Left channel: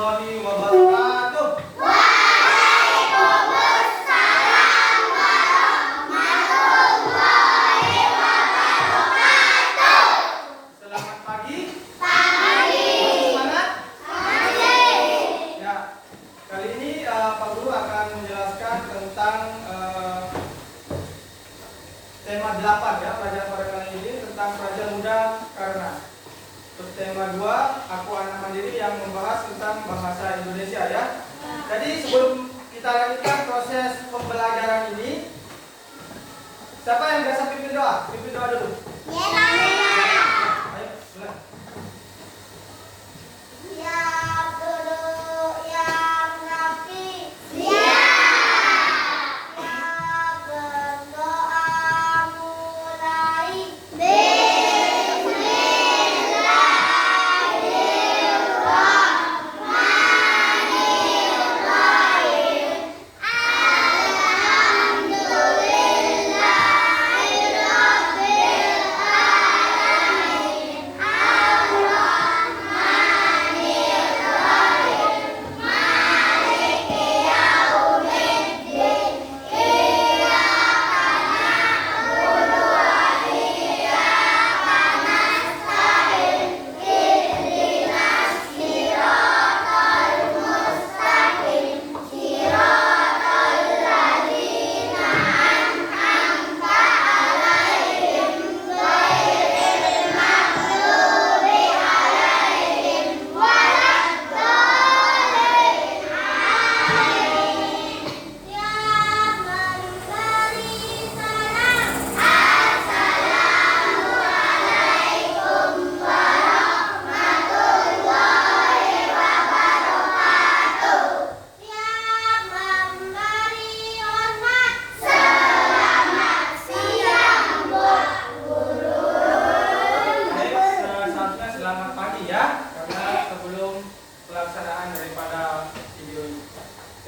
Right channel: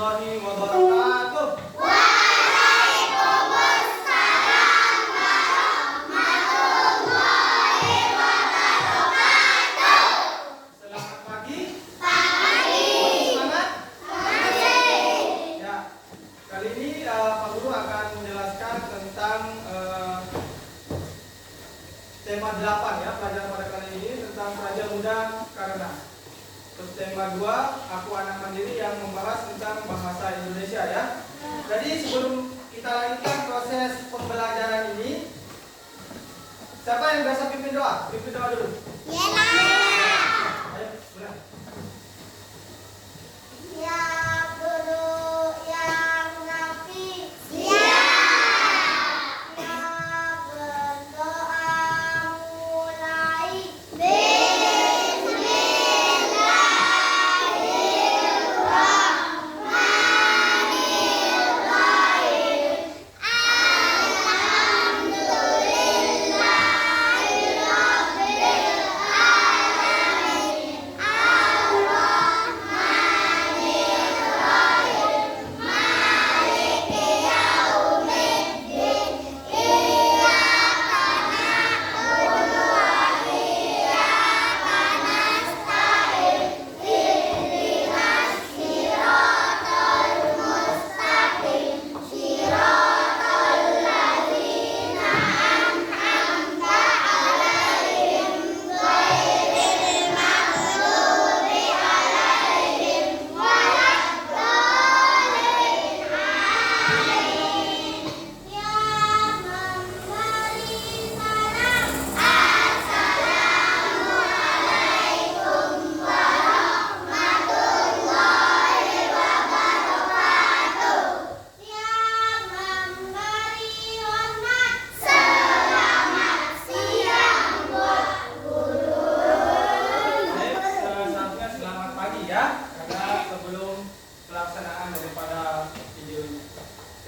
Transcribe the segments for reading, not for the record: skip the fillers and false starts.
warahmatullahi wabarakatuh. Waalaikumsalam warahmatullahi wabarakatuh. Selamat pagi. Pagi. Masih semangat? Masih. Ya. Kali ini Pak Guru akan menjelaskan tentang tema 8 ya, pelajaran pada kali ini tentang pelajar muda karena. Terus tema 2, aku anak mandiri yang membahas tentang bahasa Indonesia ya. Jadi sebelum kita lanjutkan proses pembelajaran ini, siapa yang biasa pimpin doa? Pimpin doa dulu. Ayo, silakan. Siap dulu yang rapi. Siap. Siap berdoa mulai.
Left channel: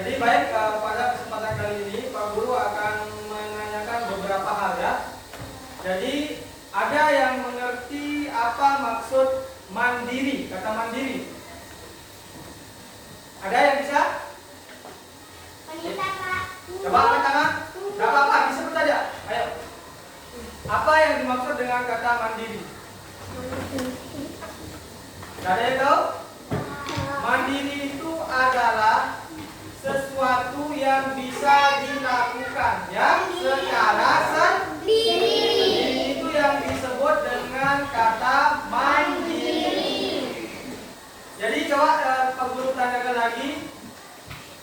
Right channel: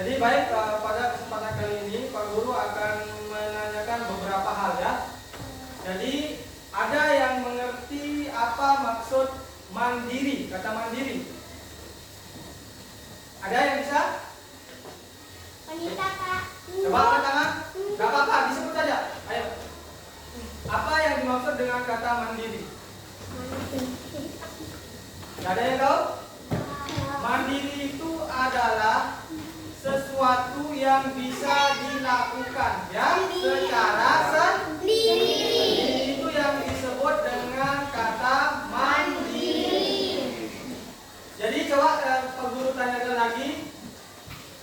Jadi baik, pada kesempatan kali ini Pak Guru akan menanyakan beberapa hal ya. Jadi ada yang mengerti apa maksud mandiri, kata mandiri? Ada yang bisa? Coba angkat tangan. Gak apa-apa, disebut saja. Ayo. Apa yang dimaksud dengan kata mandiri? Gak ada yang tahu? Mandiri itu adalah sesuatu yang bisa dilakukan ya secara sendiri. Itu yang disebut dengan kata mandiri. Jadi coba Pak Guru tanyakan lagi.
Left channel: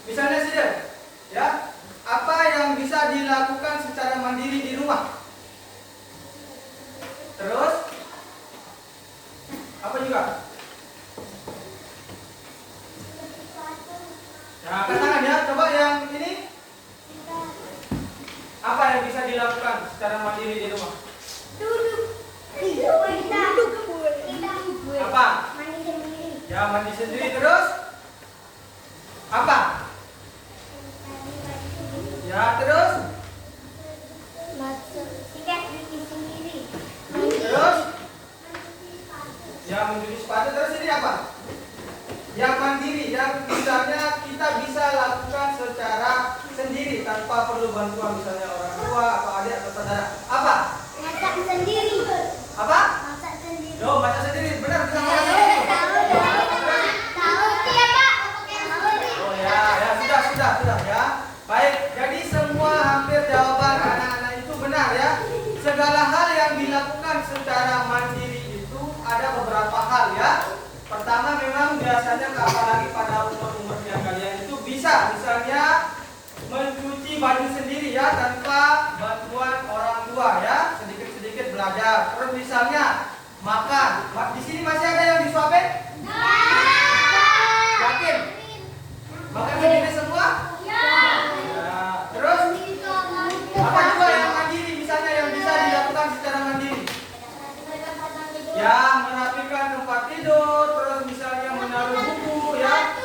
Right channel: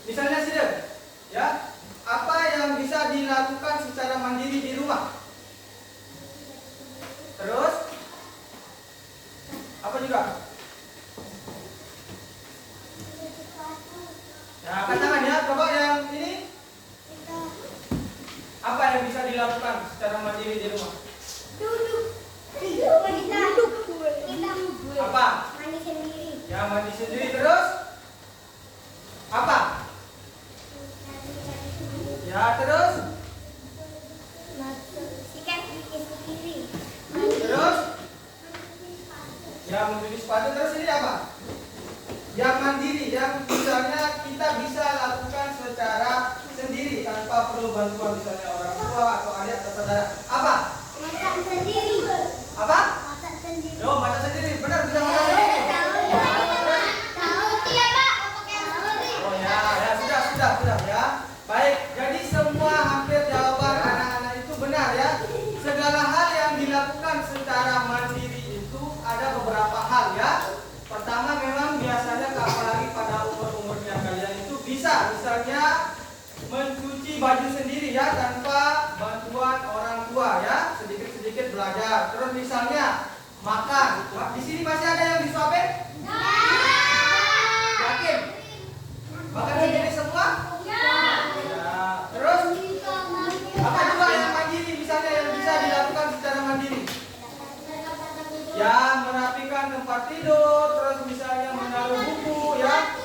Misalnya saja ya, apa yang bisa dilakukan secara mandiri di rumah? Terus apa juga? Ya, angkat tangan ya. Coba yang ini. Apa yang bisa dilakukan secara mandiri di rumah? Apa? Mandi sendiri. Ya, mandi sendiri. Terus? Apa? Ya, terus? Sikat gigi sendiri. Terus? Ya, mencuci sepatu. Terus ini apa? Yang mandiri, yang misalnya kita bisa lakukan secara sendiri tanpa perlu bantuan misalnya orang tua atau adik atau saudara. Apa? Masak sendiri. Apa? Masak sendiri. Yo, masak sendiri. Benar, bisa masak sendiri. Oh ya, ya sudah ya. Baik, jadi semua hampir jawaban anak-anak itu benar ya. Segala hal yang dilakukan secara mandiri itu ada beberapa hal ya. Pertama memang biasanya apalagi pada umur-umur yang kalian itu bisa misalnya mencuci baju sendiri ya tanpa bantuan orang tua ya, sedikit-sedikit belajar. Terus misalnya makan. Di sini masih ada yang disuapin? Yakin? Makan sendiri semua? Ya. Terus apa juga yang mandiri misalnya yang bisa dilakukan secara mandiri? Ya, merapikan tempat tidur, terus misalnya menaruh buku ya.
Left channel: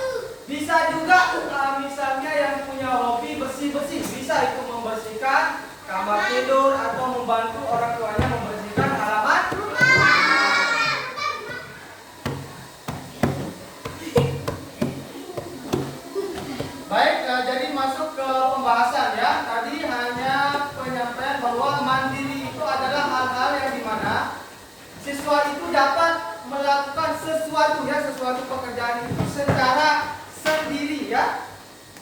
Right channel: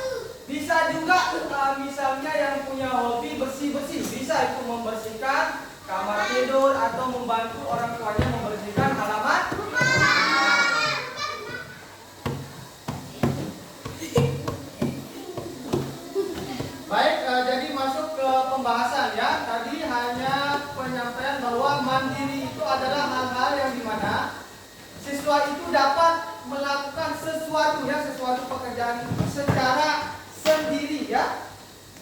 Bisa juga misalnya yang punya hobi bersih-bersih, bisa itu membersihkan kamar tidur atau membantu orang tuanya membersihkan halaman rumah. siswa itu dapat melakukan sesuatu ya, sesuatu pekerjaan itu secara sendiri ya.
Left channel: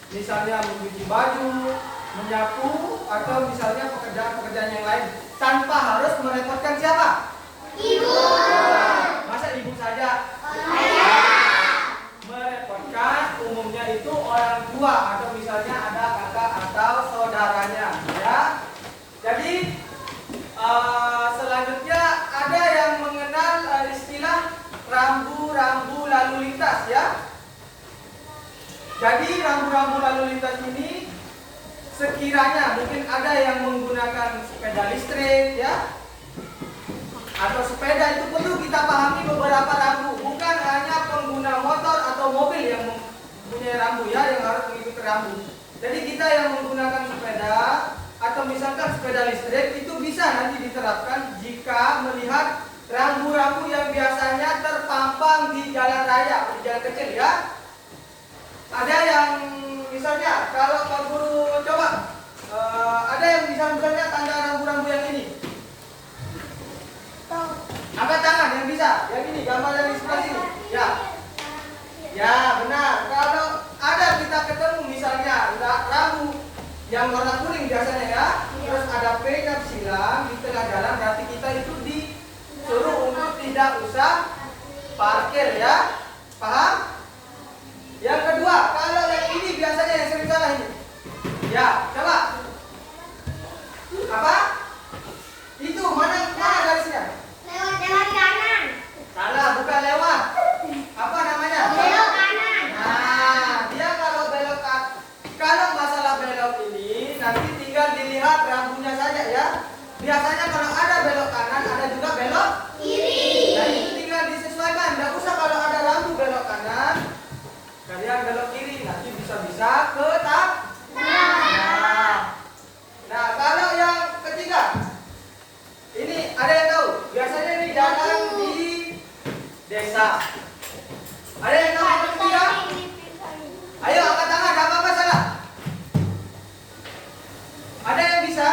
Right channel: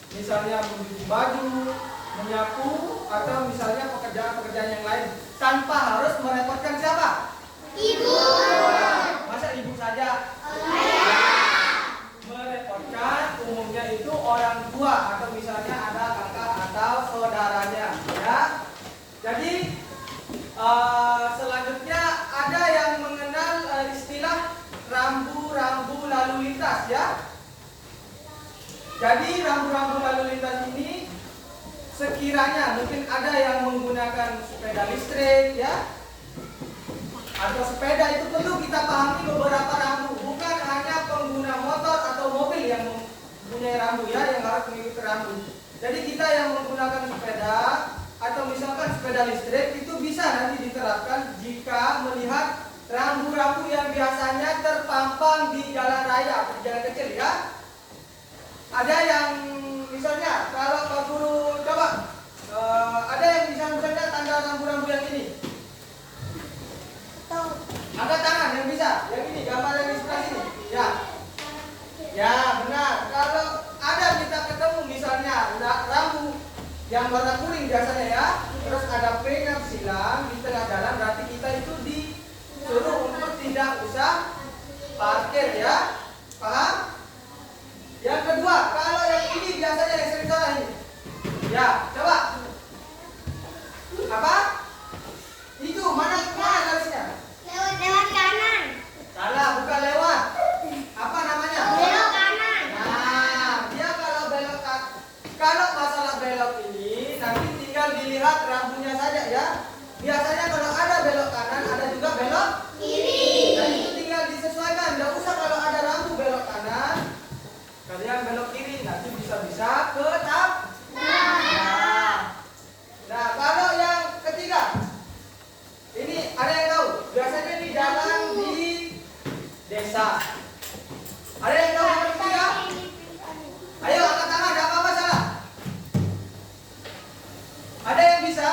Misalnya mencuci baju, menyapu, atau misalnya pekerjaan-pekerjaan yang lain tanpa harus merepotkan siapa? Ibu. Masa ibu saja? Merepotkan umumnya itu orang tua atau misalnya ada kakak atau saudaranya ya. Jadi selanjutnya ada yang mengenal istilah rambu-rambu lalu lintas ya. Jadi rambu-rambu lalu lintas ini sekiranya mungkin ada yang menggunakan sepeda listrik ya, atau sepeda, itu perlu kita pahami beberapa rambu. Bukan hanya pengguna motor atau mobil yang mempunyai rambu ya, yang harus mengikuti rambu. Jadi kita yang menggunakan sepeda atau misalkan sepeda listrik itu bisa nanti diterapkan jika melihat rambu-rambu yang biasanya terpampang di jalan raya, di jalan kecil ya. Ada yang misalnya kalau Pak Guru coba ada yang misalnya tanda rambu-rambu yang ini. Angkat tangan yang bisa. Yang ini gambar dari sebelah sini. Ya. Ya, benar. Kalau ada kita ketemu misalnya rambu yang warna kuning biasanya ya, terus ada P yang silang di tengah jalan, berarti kita itu disuruh untuk tidak usah parkir ya. Paham? Yang kedua, kalau yang ini biasanya yang sering salah ini. Ya, coba. Apa? Itu mana garisnya? Lewat kanan. Salah, bukan lewat. Apa namanya? Belok kanan. Nah, dia kalau belok kalau masalah belok ini nanti tinggal dilihat rambunya saja ya. Biasanya kalau ada belok kanan, ada juga belok Kiri. Nah, itu tinggal disesuaikan. Tidak usah kalau ada rambu belok kanan, kalian belok kiri, nanti bisa-bisa ke Nah, kalau yang ketiga, ini ada yang tahu? Biasanya ini jalan di desa. Ada yang tahu yang ketiga? Ayo angkat tangan, ada apa-apa salah? Ada yang bisa?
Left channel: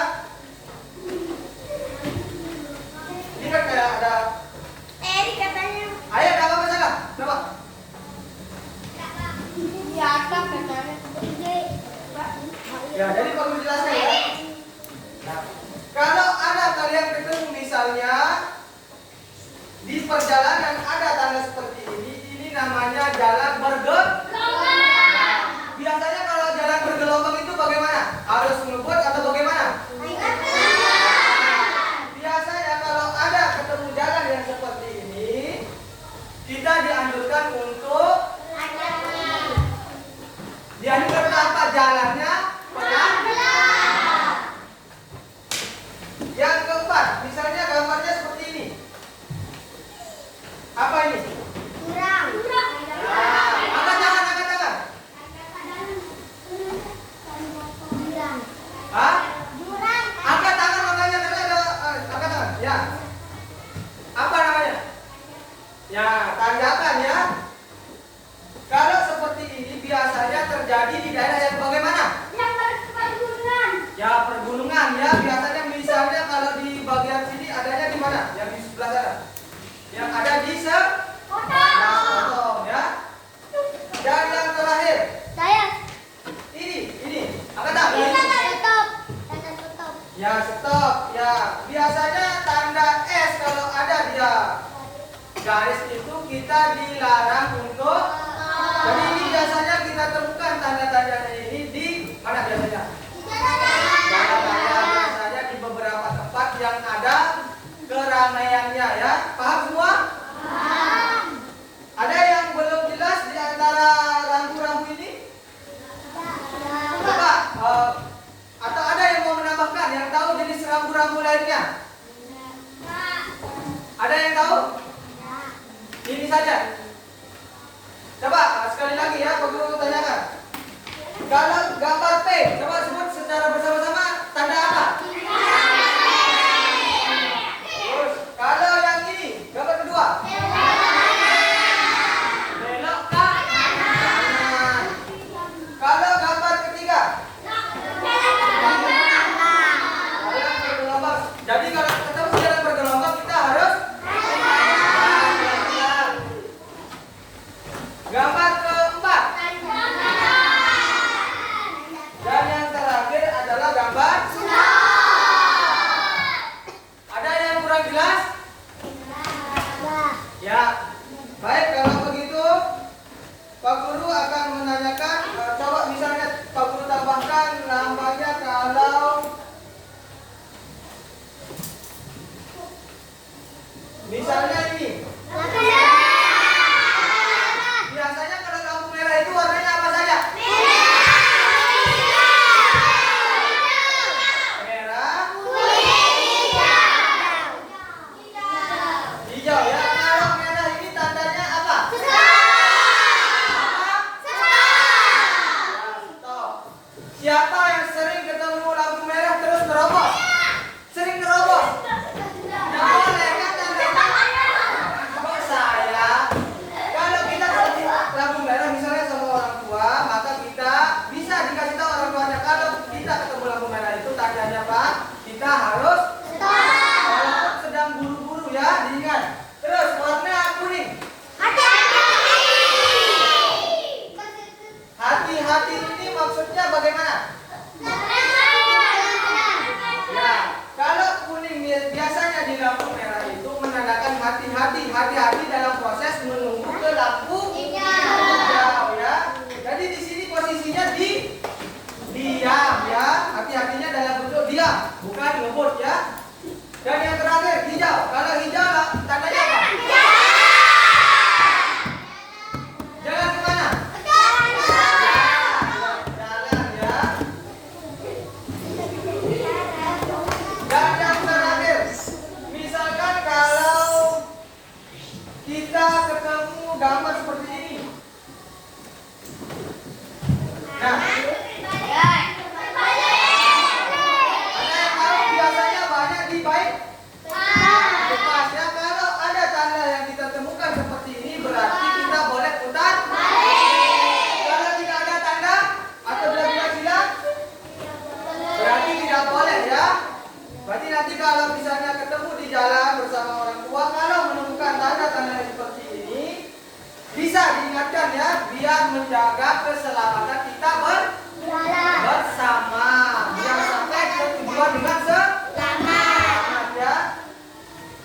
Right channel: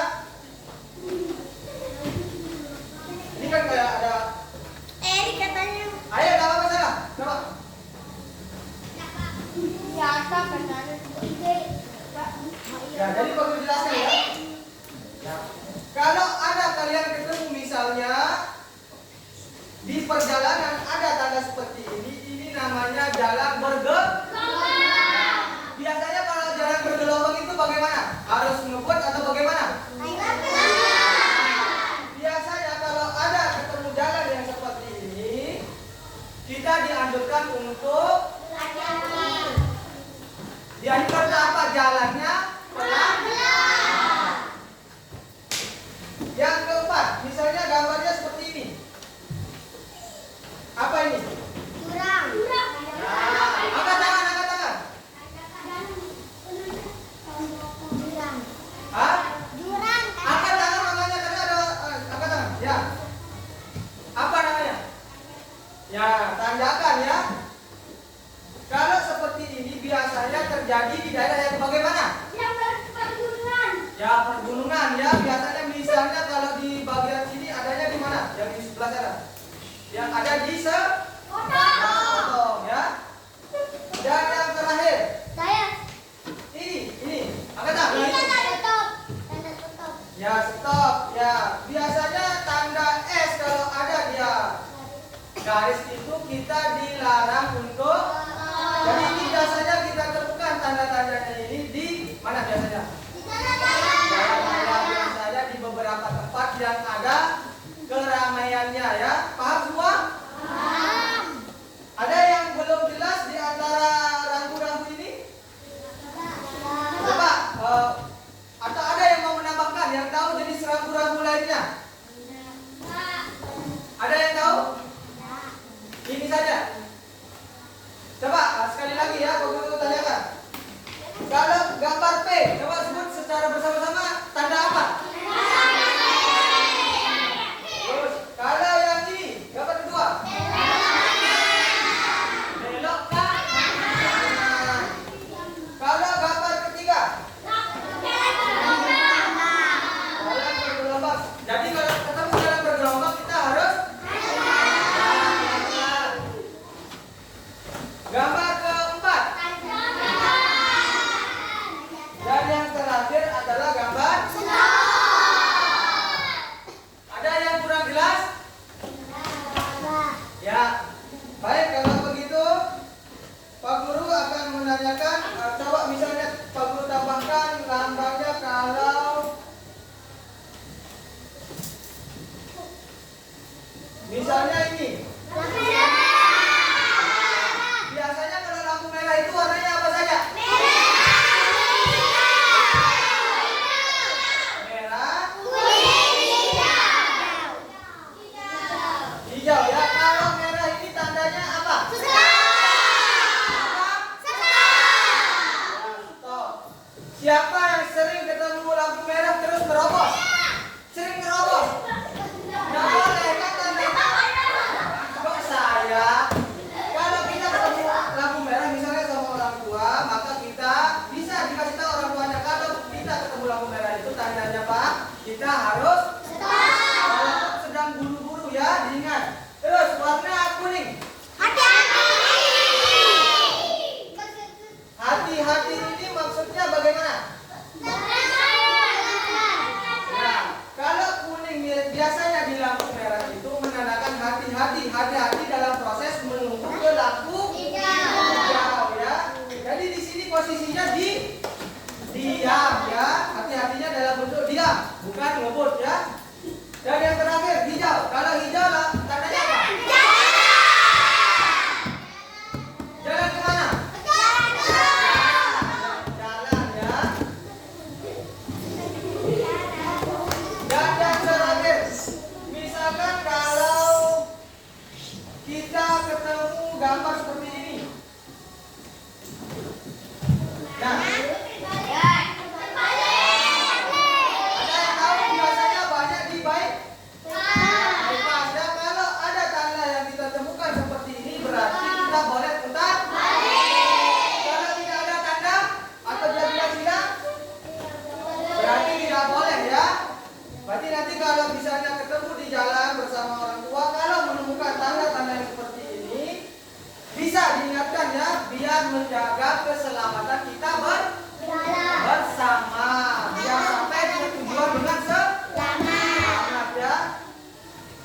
Ini kan kayak ada. Katanya. Ayo, ada apa-apa salah? Coba. Ya, katanya. Ya, jadi perlu jelaskan ya. Nah, kalau ada kalian ketemu misalnya di perjalanan ada tanda seperti ini namanya jalan bergelombang. Biasanya kalau jalan bergelombang itu bagaimana? Harus ngebut atau bagaimana? Biasanya kalau ada ketemu jalan yang seperti ini, kita dianjurkan untuk apa? Jalannya pelan. Yang keempat, misalnya gambarnya seperti ini. Apa ini? Kurang. Angkat tangan, angkat tangan. Hah? Angkat tangan makanya karena ada angkat tangan. Ya. Apa namanya? Ya, tandakan ya. Kalau seperti ini biasanya terjadi di daerah yang bagaimana? Ya, pergunungan ya. Biasanya misalnya kalau di bagian sini adanya di mana? Yang di sebelah sana. Yang ada di potong ya. Dan yang terakhir. Ini. Angkat tangan. Ya, stop. Ya, biasanya tanda S kalau ada dia garis itu kita dilarang untuk. Jadi ini biasanya kita temukan tanda-tandanya ini di mana biasanya? Jalan raya biasanya di beberapa tempat yang ada keramaiannya ya. Paham semua? Ada yang belum jelas di antara rambu-rambu ini? Coba atau ada yang mau menambahkan yang tahu jenis rambu-rambu lainnya? Ada yang tahu? Ini saja. Coba sekali lagi ya, Pak Guru tanyakan. Kalau gambar P, coba sebut secara bersama-sama tanda apa? Terus, kalau yang ini, gambar kedua. Belok kanan. Kalau gambar ketiga. Jalan bergelombang. Jadi kalau ketemu jalan bergelombang kita harus Ya, baik kalau begitu Pak Guru akan menanyakan, coba misalnya Pak Guru tambahkan lambangnya kalau misalnya ini. Biasanya kalau lampu merah itu warnanya apa saja? Merah, hijau ya. Kalau merah ini tandanya apa? Siapa yang sering ketemu lampu merah terus nerobos? Sering nerobos? Nah, boleh kan tandanya? Kok saya? Kalau kita ketemu lampu merah misalnya sama orang tua, maka kita bisa dikasih tahu orang tuanya kalau kita ketemu lampu merah itu tandanya Pak, kita harus walaupun sedang buru-buru ya, diingat. Terus warna kuning. Hati-hati ini maksudnya bagaimana? Ya, kalau kuning biasanya di lampu merah itu menandakan hati-hati dalam proses menunggu ke lampu hijau ya. Jadi di sini posisinya diam ya. Hati-hatinya dalam bentuk diam, bukan ngebut ya. Dan yang terakhir hijau. Kalau hijau tandanya apa? Jalan kemana? Jalan ya. Dan yang terakhir, misalkan kalau kita ketemu gambar seperti ini. Nah, ada yang tahu biasanya banyak di baik lepas ya. Kalau ada tanda yang kita temukan seperti ini berarti kita boleh putar balik. Kalau tidak ada tanda atau benar-benar hilang berarti tidak boleh ya. Berarti nanti kalau misalnya ketemu di jalan bersama orang tua, kalau menemukan tanda-tanda yang seperti ini bisa diingatkan ya, biar menjaga keselamatan kita bersama, biar sampai ke tujuan dengan selamat ya.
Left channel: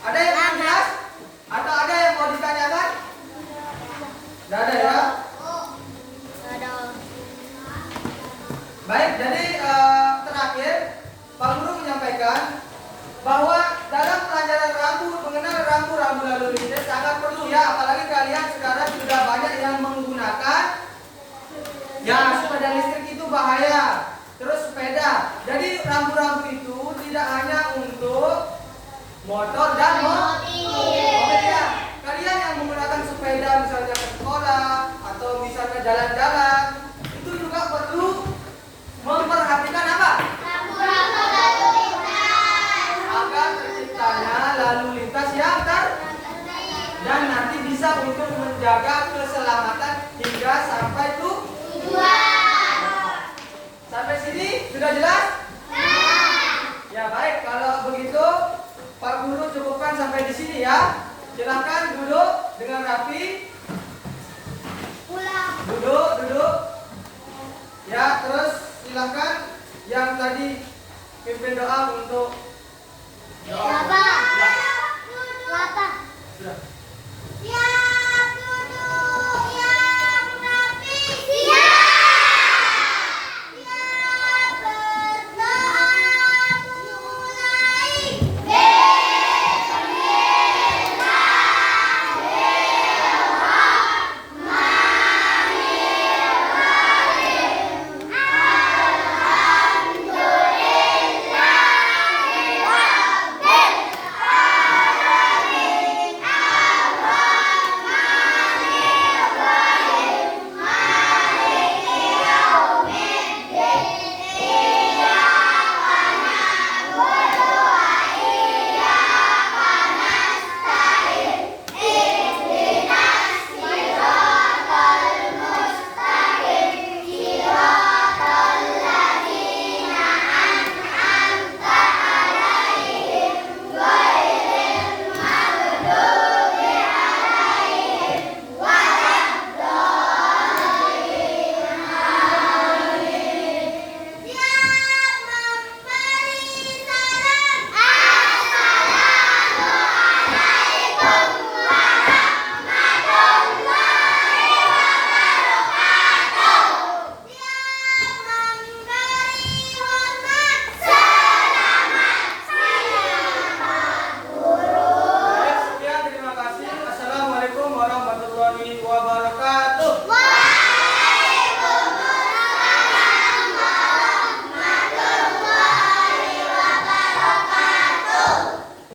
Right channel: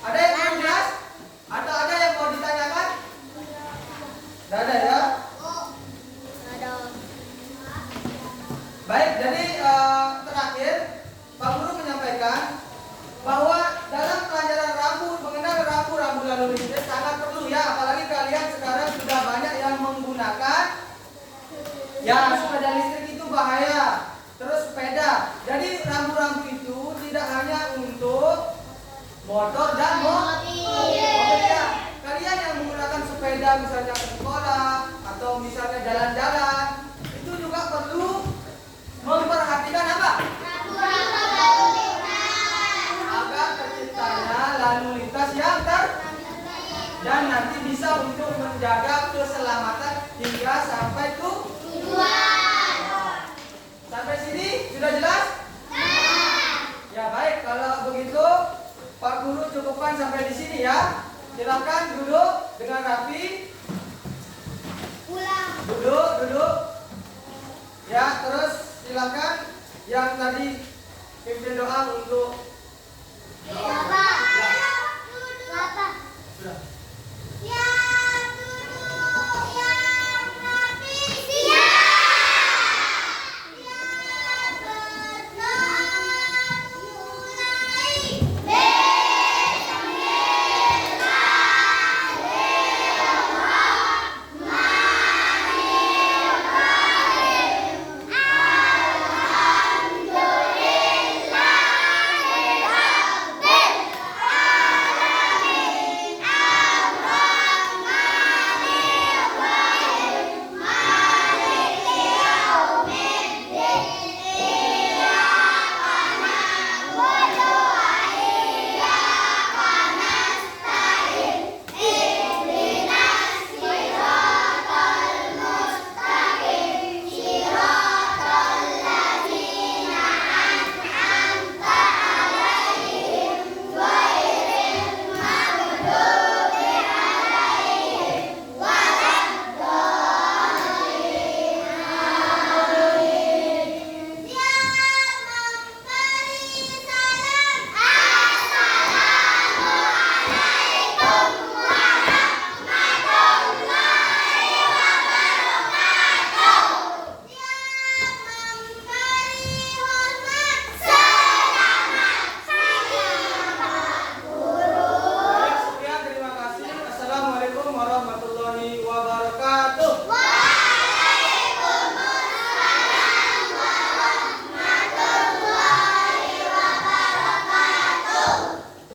Ada yang belum jelas? Atau ada yang mau ditanyakan? Tidak ada ya? Baik, jadi terakhir Pak Guru menyampaikan bahwa dalam pelajaran rambut, mengenal rambu-rambu lalu lintas sangat perlu ya, apalagi kalian sekarang sudah banyak yang menggunakan ya sepeda listrik itu bahaya, terus sepeda. Jadi rambu-rambu itu tidak hanya untuk motor dan mobil ya. Kalian yang menggunakan sepeda misalnya ke sekolah atau misalnya jalan-jalan itu juga perlu memperhatikan apa? Agar terciptanya lalu lintas yang dan nanti bisa untuk menjaga keselamatan hingga sampai tujuan. Sampai sini sudah jelas? Ya baik, kalau begitu Pak Guru cukupkan sampai di sini ya. Silakan duduk dengan rapi. Duduk. Ya, terus silakan yang tadi pimpin doa untuk doa. Sudah.